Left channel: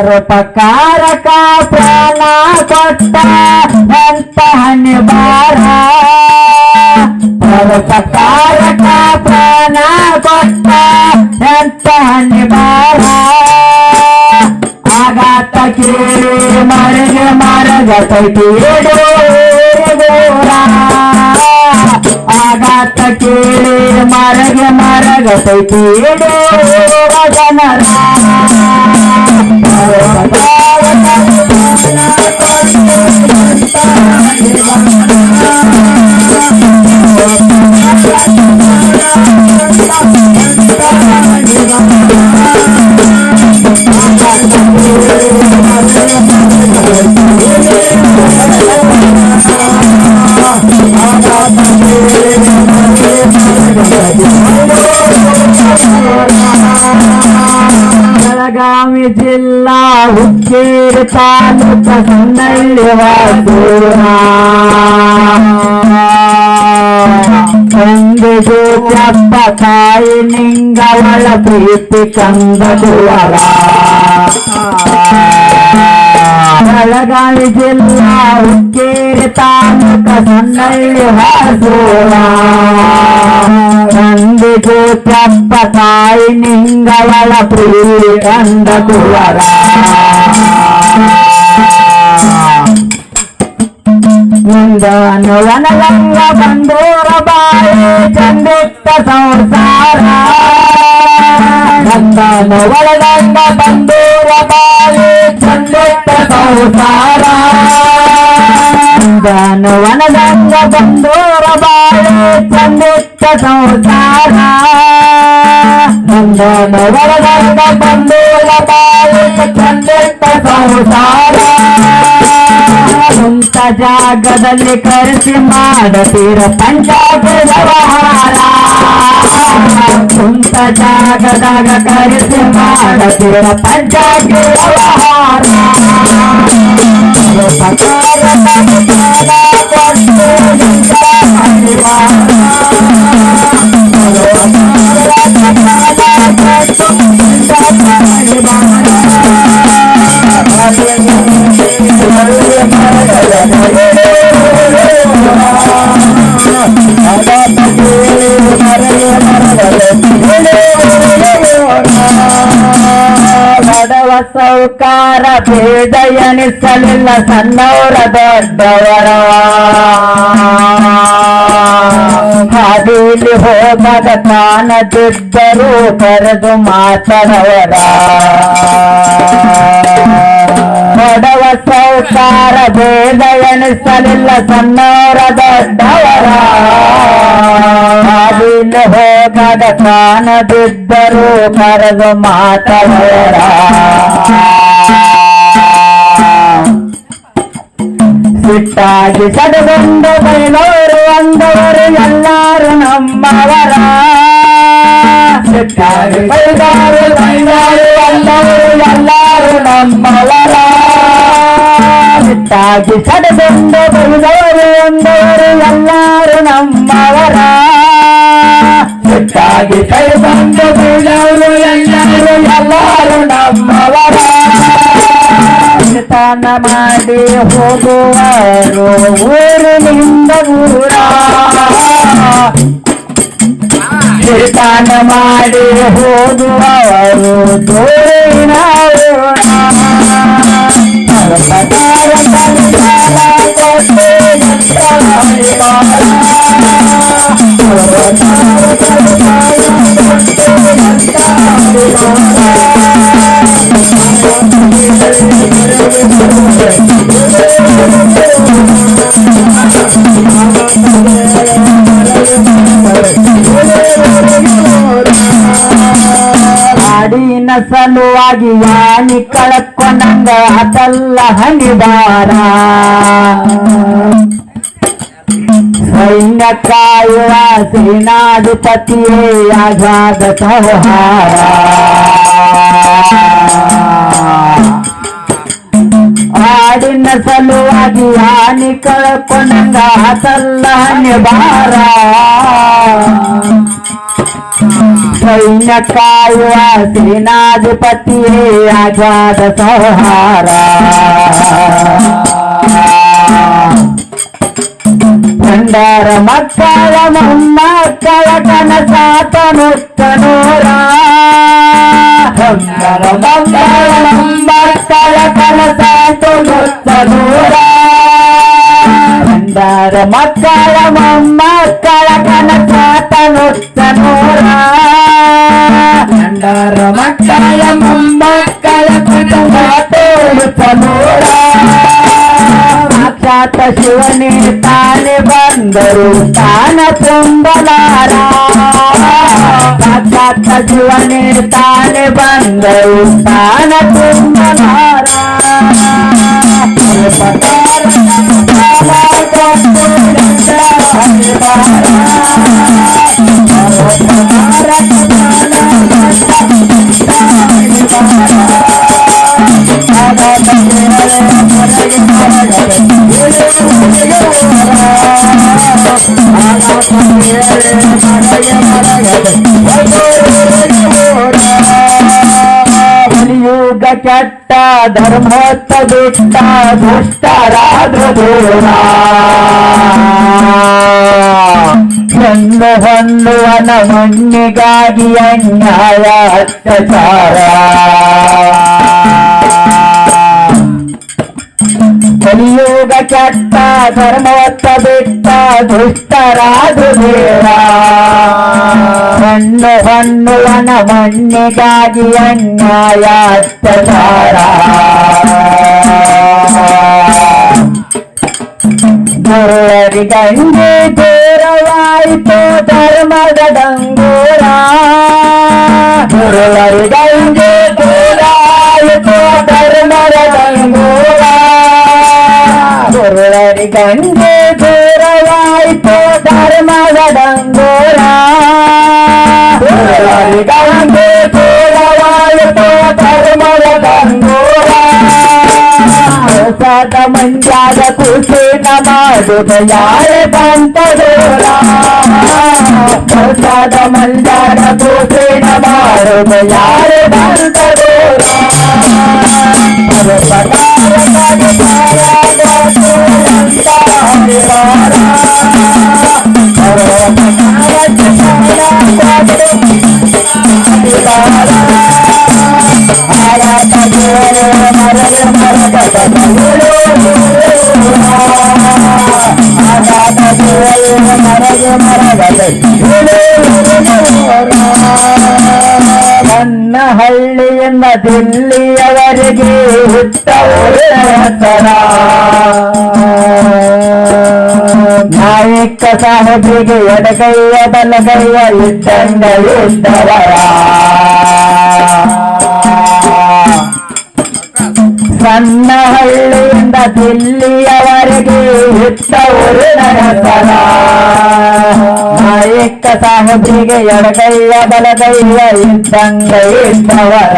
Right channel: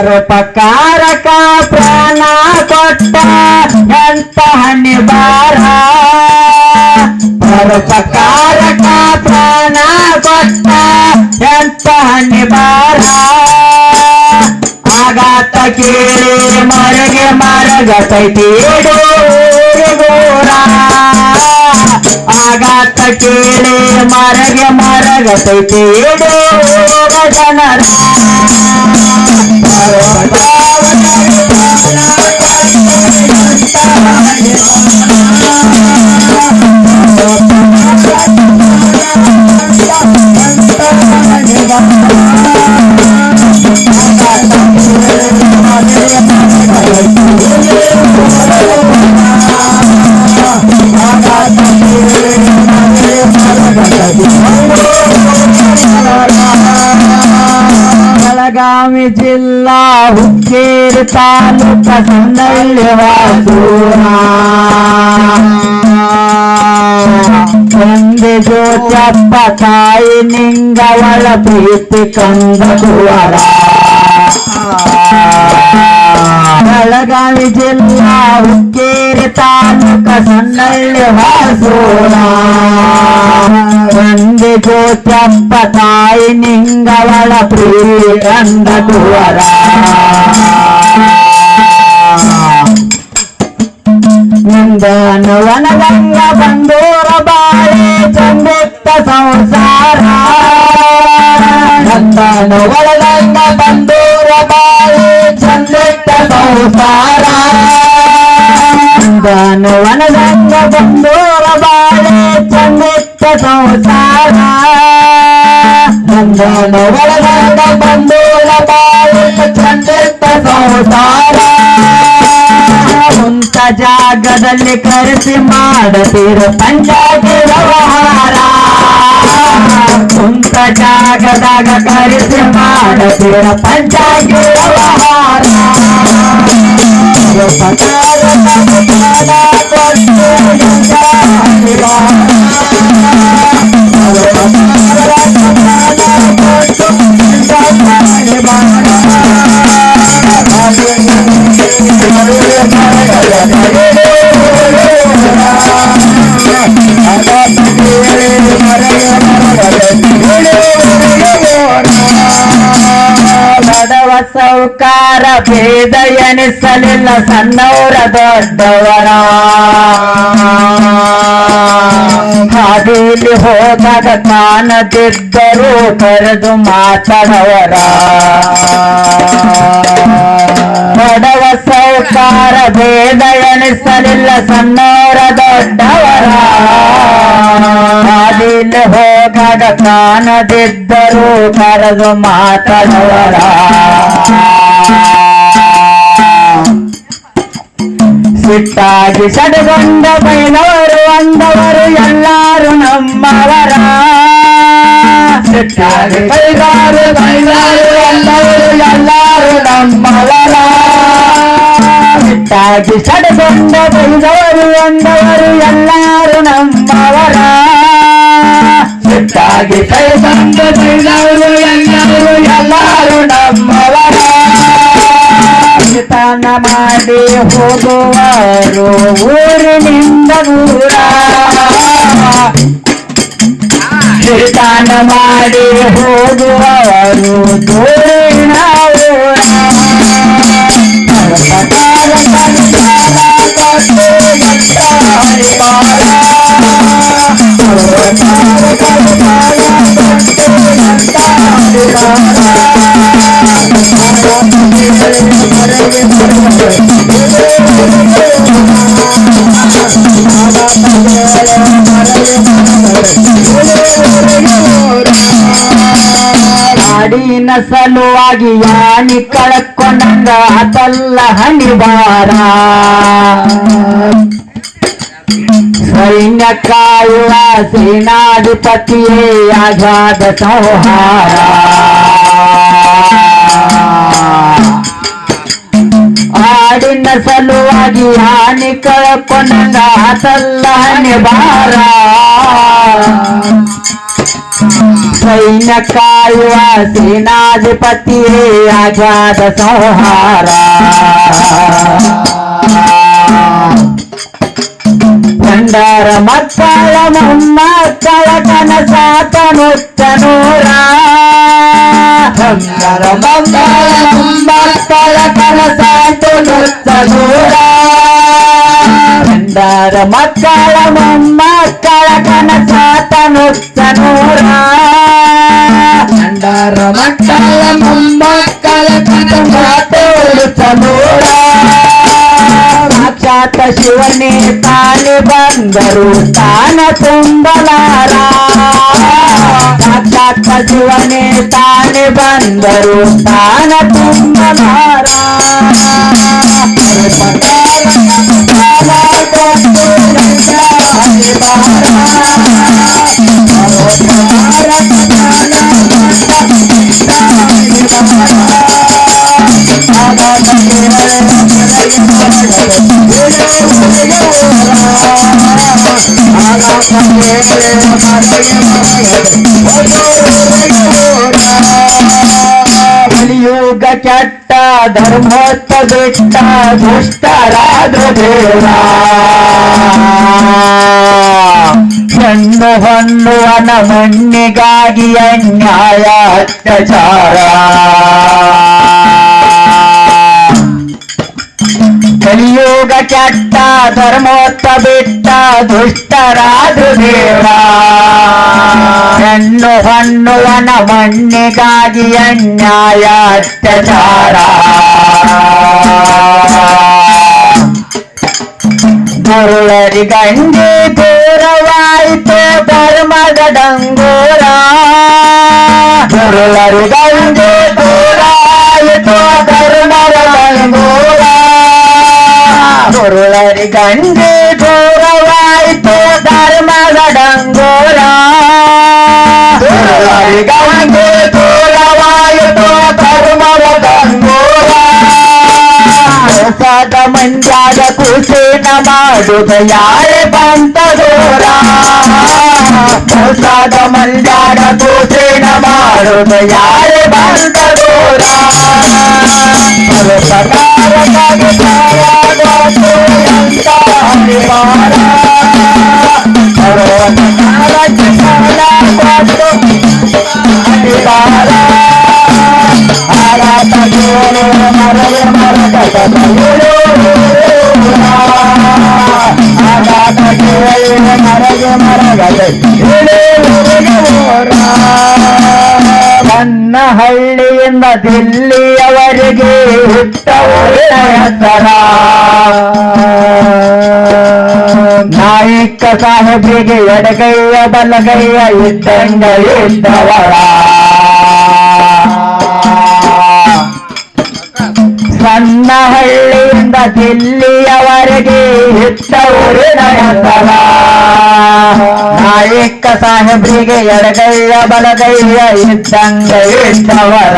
ಪರೋಪಕಾರಕ ಪ್ರಾಣ ಕೊಟ್ಟ ಎಂತ ನಿವಾರ? ಪರೋಪಕಾರಕ ಪ್ರಾಣ ಕೊಟ್ಟ ಎಂತ ನಿವಾರ? ಆಗಾತ ಕೇಳಿ ಮರಗೆ ಮರಗತೈತಿ ಗೋರ. ಆಗಾತ ಕೇಳಿ ಮರಗೆ ಮರಗತೈತಿ ಗೋರ ಜನರ. ಬೆಳಗಾವಿ ಜಿಲ್ಲಾ ಹುಕ್ಕೇರಿ ತಾಲೂಕ ಸಣ್ಣಳ್ಳಿ ವಾಸೂರ ತಂದೆ ಜ್ಯೋತ್ಯಪ್ಪ ತಾಯಿ ನಿಂಗವಳ ಪ್ರೀತಿ ಕಂದ ಕುವರ ಬೆಳಗಾವಿ ಜಿಲ್ಲಾ ಹುಕ್ಕೇರಿ ತಾಲೂಕ ಸಣ್ಣಳ್ಳಿ ವಾಸೂರ ತಂದೆ ಜ್ಯೋತ್ಯಪ್ಪ ತಾಯಿ ನಿಂಗವಳ ಪ್ರೀತಿ ಕಂದ ಕುವರ. ನಂದನವನಗಂಗ ಬಂದೂರ ಬಾಳೆ ಚಂದಿತ್ತ ಸಂಸಾರ. ನಂದನವನಗಂಗ ಬಂದೂರ ಬಾಳೆ ಚಂದಿತ್ತ ಸಂಸಾರ. ನಂದನವನಗಂಗ ಬಂದೂರ ಬಾಳೆ ಚಂದಿತ್ತ ಸಂಸಾರ. ಬಾಳೆ ಚಂದಿತ್ತ ಸಂಸಾರ ಸ್ವಂತ ಜಾಗದಲ್ಲಿ ಕರೆಸಿ ಮಾಡತೀರ ಪಂಚಾಯತಿ ವ್ಯವಹಾರ. ಸ್ವಂತ ಜಾಗದಾಗ ಕರೆಸಿ ಮಾಡತೀರ ಪಂಚಾಯತಿ ವ್ಯವಹಾರ. ಭೇದ ಎನಿಸಲಿಲ್ಲ ಸಣ್ಣವರ ದೊಡ್ಡವರ. ಹಾದಿಲಿ ಹೋದಾಗ ಕಾಣದಿದ್ದರೂ ಕರೆದು ಮಾತಾಡವರ. ಬಡವ ಸೌಕಾರ ಭೇದ ಎನಿಸಲಿಲ್ಲ ಸಣ್ಣವರ ದೊಡ್ಡವರ. ಹಾದಿಲಿ ಹೋದಾಗ ಕಾಣದಿದ್ದರೂ ಕರೆದು ಮಾತಾಡವರ. ಸಿಟ್ಟಾಗಿ ಸಡಗೊಂಡ ಬೈದವರು ಅಂದವರು ಎಲ್ಲಾರು ನಮ್ಮವರ ಸಿಟ್ಟಾಗಿ ಬೈದವರು ಬೈದವರು ಅಂದವರು ಎಲ್ಲಾರು ನಮ್ಮವರ ಸಿಟ್ಟಾಗಿ ಸಡಗೊಂಡ ಬೈದವರು ಅಂದವರು ಎಲ್ಲಾರು ನಮ್ಮವರ ಸಿಟ್ಟಾಗಿ ಬೈದಂಡ ಬೈದವರು ಹೋಗುವರು ಊರಿನಿಂದ ದೂರ ಕಿರ್ತಾನ ಮಾಡಿ ಹೋಗುವವರು ದೂರಿನ ಊರ. ನಾಡಿನ ಸಲುವಾಗಿ ಯಾನಿ ಕಳಕೊಂಡಂಗ ಅದಲ್ಲ ಹನಿವಾರ. ಸೈನ್ಯ ಕಾಯುವ ಸೇನಾಧಿಪತಿಯೇ ಆಜಾದ ಸಂಹಾರ. ಆಡಿನ ಸಲುವಾಗಿ ಹಾನಿ ಕಳ್ಕೊಂಡಂಗ ಅದಲ್ಲ ಹಣಿಬಾರ ಸೈನ್ಯ ಕಾಯುವ ಸೇನಾಧಿಪತಿಯೇ ಆಘಾತ ಸಂಹಾರ ಭಂಡಾರ ಮಕ್ಕಳ ಮೊಮ್ಮಕ್ಕಳ ಕನಸಾತ ನುತ್ತನೂರ ಭಂಡಾರ ಮಕ್ಕಳ ಮೊಮ್ಮಕ್ಕಳ ಕನಸಾತ ನುತ್ತನೂರ ಭಂಡಾರ ಮಕ್ಕಳ ಮೊಮ್ಮಕ್ಕಳ ಕನಸಾತ ನುತ್ತನೂರ ಭಂಡಾರ ಮಕ್ಕಳ ಮೊಮ್ಮಕ್ಕಳ ಕನಸಾತ ನುತ್ತನೂರ ಸಾಕ್ಷಾತ್ ಶಿವನೇ ತಾನೆ ಬಂದರು ತಾನ ತುಂಬಲಾರ ಸಾಕ್ಷಾತ್ ಶಿವನೇ ತಾನೆ ಬಂದರು ತಾನ ತುಂಬಲಾರ ಕಲಿಯುಗ ಧರ್ಮೋತ್ತ ಬಿಟ್ಟ ದುಷ್ಟರಾದ್ರ ದೇವ ಹೆಣ್ಣು ಹೊಂದುವನ ಮಣ್ಣಿಗಾಗಿ ಅನ್ಯಾಯ ಅತ್ಯಾಚಾರ ಕಲಿಯುಗ ಕೆಟ್ಟ ಧರ್ಮೋತ್ತ ಬಿಟ್ಟ ದುಷ್ಟರಾದ್ರು ದೇವ ಹೆಣ್ಣು ಹೊಣ್ಣುವನ ಮಣ್ಣಿಗಾಗಿ ಅನ್ಯಾಯ ಅತ್ಯಾಚಾರ ದುರ್ವರಿಗಂಗೆ ದೂರವಾಯಿತು ಧರ್ಮದ ಡಂಗೂರ ದುರ್ವರಿಗಂಗೆ ದುರ್ವರಿಗಂಗೆ ದೂರವಾಯಿತು ಧರ್ಮದ ಡಂಗೂರ ದುರ್ವರಿಗಂಗೆ ದೂರವಾಯಿತು ಧರ್ಮದ ಡಂಗೂರ ಹೊಸದ ಮಂಡ್ಯದ ಕುಸಿನ ಮಾಡುದ ಯಾರೇ ಬಂತ ದೂರ ಹೊಸದ ಮಂಡ್ಯದ ಕುಸಿನ ಮಾಡುದ ಯಾರೇ ಬಂತ ದೂರ மரகதை மரகதை ಹಳ್ಳಿಯಿಂದ ದಿಲ್ಲಿಯವರೆಗೆ ಹೆಸರ ನಾಯಕ ಸಾಹೇಬರಿಗೆ ಎಡಗೈಯ ಬಲಗೈಯ ಇದ್ದಂಗ ಇದ್ದವರ. ಸಣ್ಣ ಹಳ್ಳಿಯಿಂದ ದಿಲ್ಲಿಯವರೆಗೆ ಇದ್ದವರಿನ ಹೆಸರ ನಾಯಕ ಸಾಹೇಬ್ರಿಗೆ ಎಡಗೈಯ ಬಲಗೈಯ ಇದ್ದಂಗ ಇದ್ದವರ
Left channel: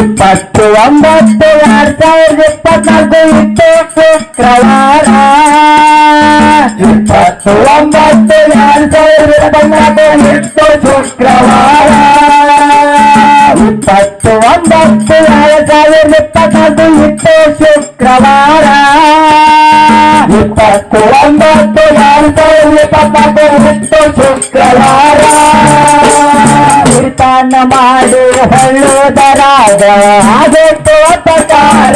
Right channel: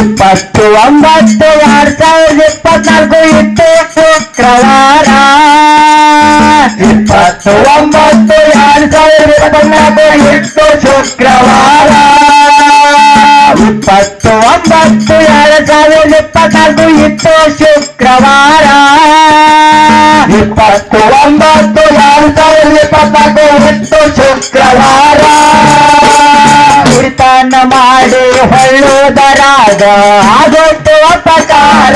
ಇಪ್ಪತ್ತು ಒಂಬತ್ತು ಎರಡ್ ಸಾವಿರದ ಇಪ್ಪತ್ನಾಲ್ಕು ಇತ್ತು ಶುಕ್ರವಾರ ಇಪ್ಪತ್ತು ಒಂಬತ್ತು ಎರಡ್ ಸಾವಿರದ ಇಪ್ಪತ್ನಾಲ್ಕು ಇತ್ತು ಶುಕ್ರವಾರ ಇಪ್ಪತ್ತು ಒಂಬತ್ತು ಎರಡ್ ಸಾವಿರದ ಇಪ್ಪತ್ನಾಲ್ಕು ಇತ್ತು ಶುಕ್ರವಾರ. ಕೀರ್ತನ ಮಾಡಿ ಹೊಳ್ಳುವುದರಾಗ ಆಗುತ್ತೆ ಅಪಕಾರ.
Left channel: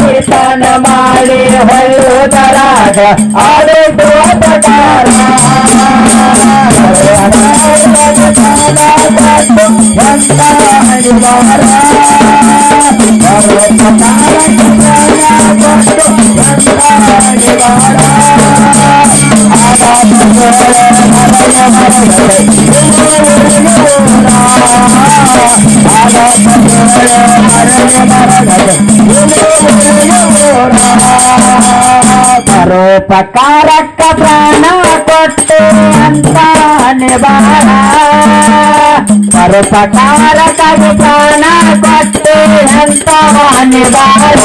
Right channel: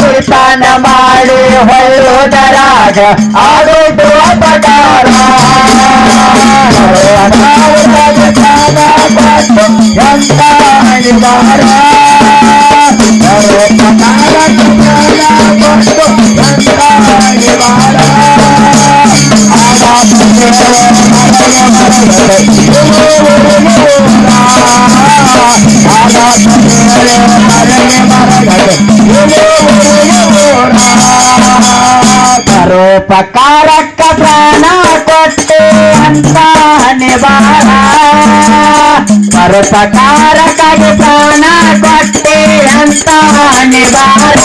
ಕೀರ್ತನ ಮಾಡಿ ಹೊಳ್ಳುವುದರಾಗ ಆಗುತ್ತೆ ಅಪಕಾರ. ಪರೋಪಕಾರಕ್ಕ ಪ್ರಾಣ ಕೊಟ್ಟು ಅಂತ ನಿವಾರ ಪರೋಪಕಾರಕ ಪ್ರಾಣ ಕೊಟ್ಟೆ ಅಂತ ನಿವಾರ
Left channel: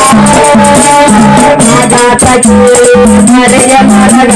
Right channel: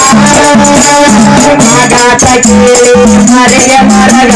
ಮರೆಯ ಮರಗ